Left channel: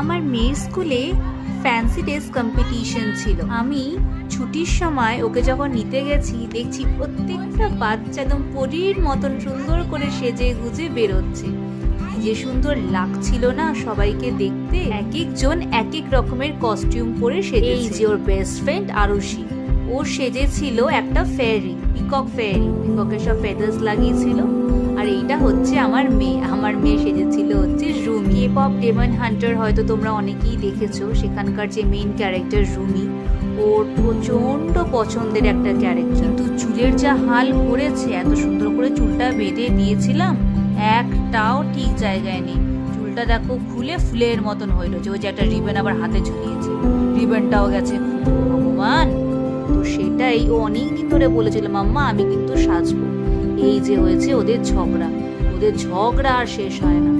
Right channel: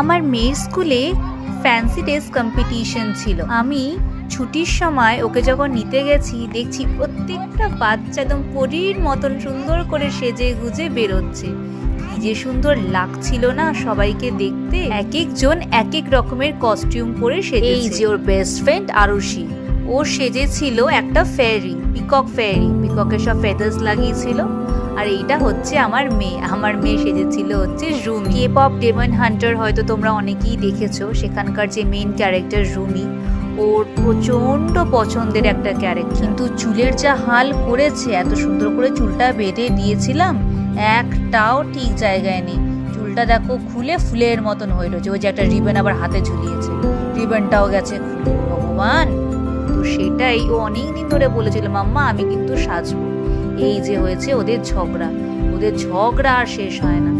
আমার মেয়ের স্কুলে ফ্যান্সি ড্রেস কম্পিটিশন ছিল। আমি ছুটির সময় ওকে যখন নিতে গেছি, দেখছি প্রত্যেকটা বাচ্চা একদম পরীর মতন সুন্দর করে সেজে গুজে বেরোচ্ছে। যে সুন্দর লাগছিল না সবাইকে দেখতে। এক একজন এক এক রকমের কস্টিউম পরে সেজেছে। এই যে ওর বেস্ট ফ্রেন্ড আরুষি, ও সেজেছিল একটা ফেয়ারি, পিকক ফেয়ারি, পিককের সব ফেদার্স লাগিয়েছিল। আর এইটা হচ্ছে আমার মেয়ে সেজেছিল হচ্ছে Rumi. K pop demon hunter হয়তো তোমরা অনেকেই দেখেছো, সেখানকার যে মেইন ক্যারেক্টার রুমি, ওর প্রচন্ড পছন্দের একটা ক্যারেক্টার। কিন্তু চুলের যা হাল করেছে, এত সুন্দর করে চুলটা বেঁধে দিয়েছিলাম, একটাও ঠিক জায়গায় নেই। চুলটা দেখো খুলে ফুলের মতন হইলো, যে ওই যে একটা রিবন আবার হাতে ঝুলিয়েছে, রিবনটাও গেছে খুলে। ভগবান! তো সেটাই ও অনেকদিন ধরে বলেছিল, মাম্মা আমি কিন্তু সাজবো। এই যে হয়েছে ওদের ঝগড়া আর শেষ হয় না।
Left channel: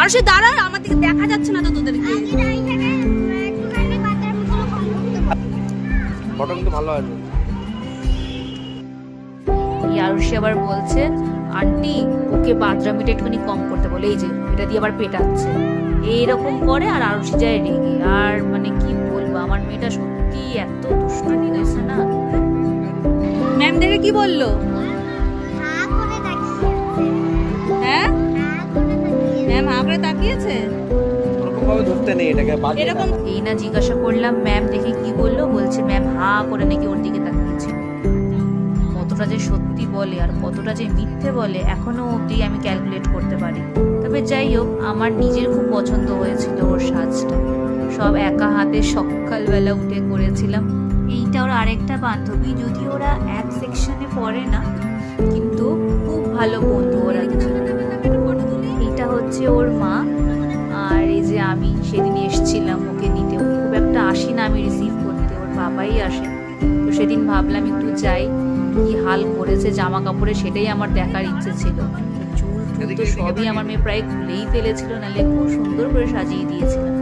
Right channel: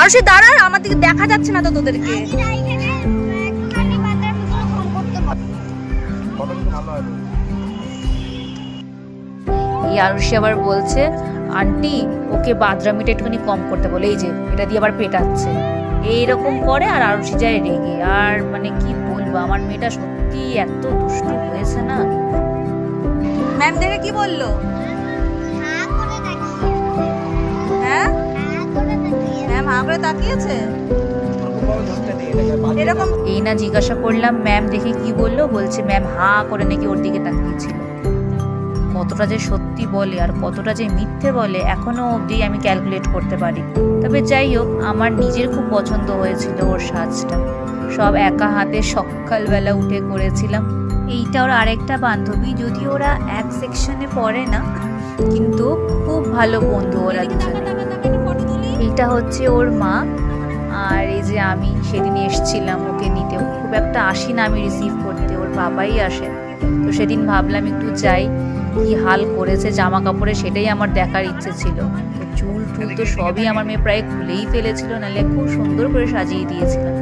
আর সে দাঁড়া, আমার দিকে দেখা যাচ্ছে না তো তোদেরকে। আরুষি আবার বলছে, আন্টি ওকে বাদরামিটা একটুখানি কম করতে বলে, এই যে এটা দিয়ে আবার পেটাচ্ছে, এইরকম করে। আর আরুষি যায় রেগে। আর মানে কি বলবো, আমার মেয়েটা সত্যি এত দুষ্টু হয়েছে না। ম্যাম দেখে কি বললো? হ্যাঁ, ম্যাম হাঁ করে তাকিয়েছে এরকম। এই না জিজ্ঞাসা করলাম ম্যাম দেখে কি বললো, বলছে ম্যাম হাঁ করে নাকি ওর দিকে তাকিয়েছিল। কতটা যে সত্যি বলে আর কতটা যে মিথ্যে বলে এখনো অবধি আমি ক্যালকুলেট করতে পারি। তবে যাই হোক, আমার নিজের খুব পছন্দ হয়েছিল ওর সাজটা। সব একা হাতে সকালবেলা উঠে করেছিলাম। এইটা ওর আরেকটা বান্ধবী, যদি ওরা এক সেকশনে পড়ে না, কিন্তু খুব ভালো বন্ধু ওরা দুজনে। এইটা হচ্ছে ওর মা। আর এই যে আমি সেদিন এসছিলাম ওকে নিতে, খুব একটা আসি না আমি রিসিভ করতে, ওর বাবাই আসে। তো সেদিন ভাবলাম একটু যাই, কি হাল করেছে জামা কাপড়ে সেটাই আমার দেখার ইচ্ছে ছিল। তো চুল টুল তো সবই আমার মেয়ে প্রায় খুলেই ফেলেছিল, নাহলে খুব সুন্দর করে সাজিয়ে দিয়েছিলাম।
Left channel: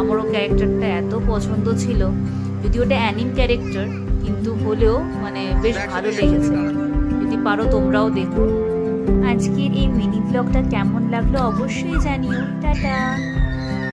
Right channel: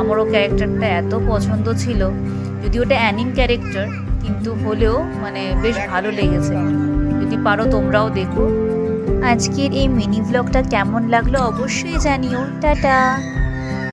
আমারও ক্যারেক্টারটা এত পছন্দ ছিল, যদি ওটা অ্যানিম ক্যারেক্টার কিন্তু হলেও মানে বেশ ভালো লেগেছে। যদি পারো তোমরাও দেখো। আজকের এই মিনি ব্লগটা কেমন লাগলো অবশ্যই জানিও। টাটা।